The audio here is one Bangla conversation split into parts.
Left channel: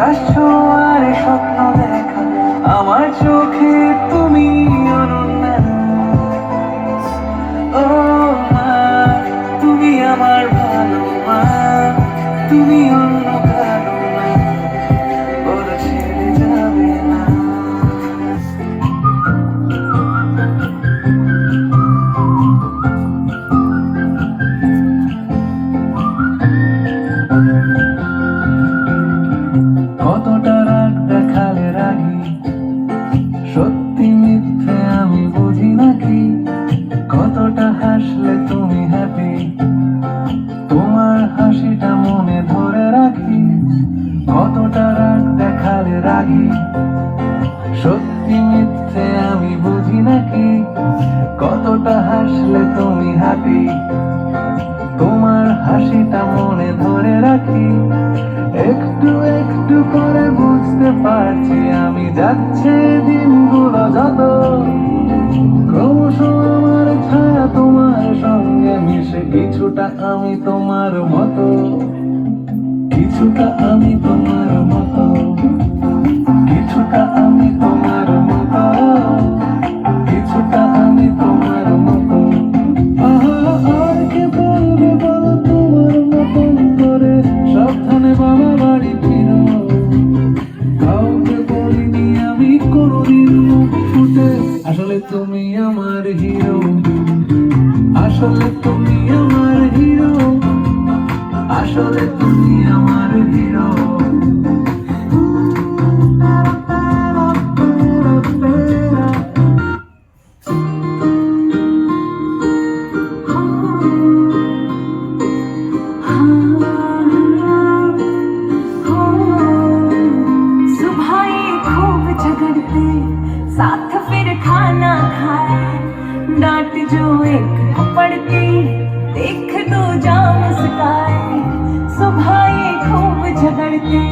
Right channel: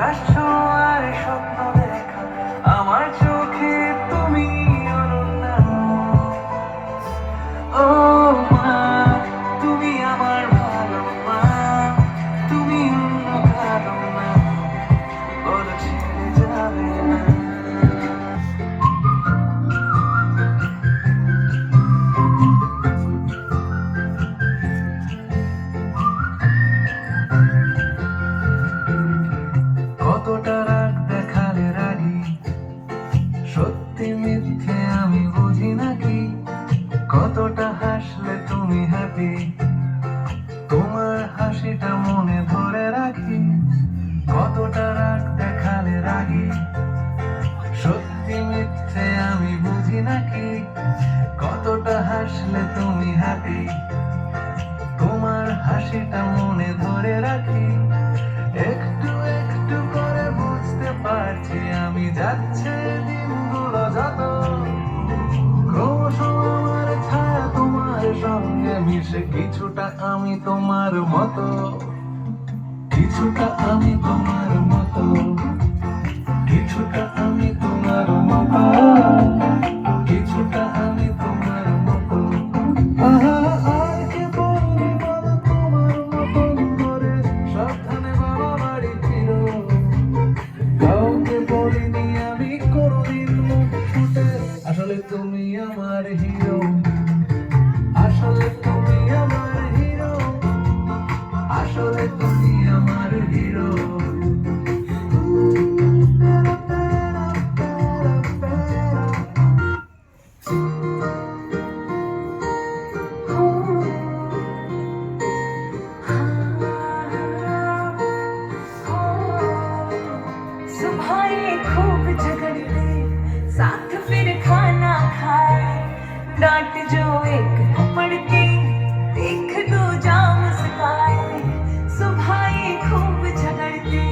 আকাশ ছোঁয়ার স্বপ্ন দেখা আমার চোখে তুমি অনন্যা। ও মা, তুমি আমার ভালো মা, তুমি অন্য কারো না, বলো ছেড়ে যাবে না। কতটা রাগ দেখালে রাগি, সত্যি মিথ্যে আমি বুঝি নাকি? কতটা হাসলে তুমি হ্যাপি, তোমার হাসিটা মনে ধরে রাখি। কতটা রাগ দেখালে রাগি, সত্যি মিথ্যে আমি বুঝি নাকি? কতটা হাসলে তুমি হ্যাপি, তোমার হাসিটা মনে ধরে রাখি। একটু একটু করে বুঝতে পারছি আমি যাচ্ছে দিনগুলো যত, ক্রমশ আমার ছায়া তোমার সঙ্গে মিশে কিছুটা আমি তোমার মতো, কিছুটা আমি তোমার মতো, কিছুটা আমি তোমার মতো, কিছুটা আমি তোমার মতো। আহা, আর কে বলবে বলো তোমার মতন করে সাবধানে বাবা বাড়ি ফিরো। কাউকে বলিনি আমি কোনোদিন মুখ ফুটে, আসলে তুমি আমার হিরো, আসলে তুমি আমার হিরো, আসলে তুমি আমার হিরো। सुबह ये खूब झगड़ते, साथ फिर खाना खाए, डांट जो एक पड़ती, देख दो जा मुस्काए। सुबह ये खूब झगड़ते,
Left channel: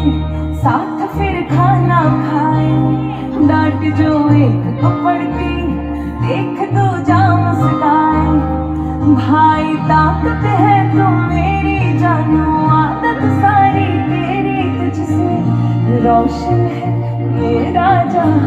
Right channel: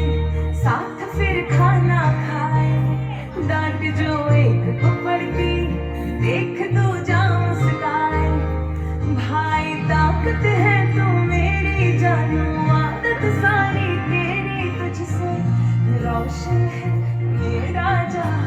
साथ फिर खाना खाए, डांट जो एक पड़ती, देख दो जा मुस्काए। भाई ताकत है तो मेरी जानो, आदत सारी तेरी तुझसे, रोशन है मेरा जहां।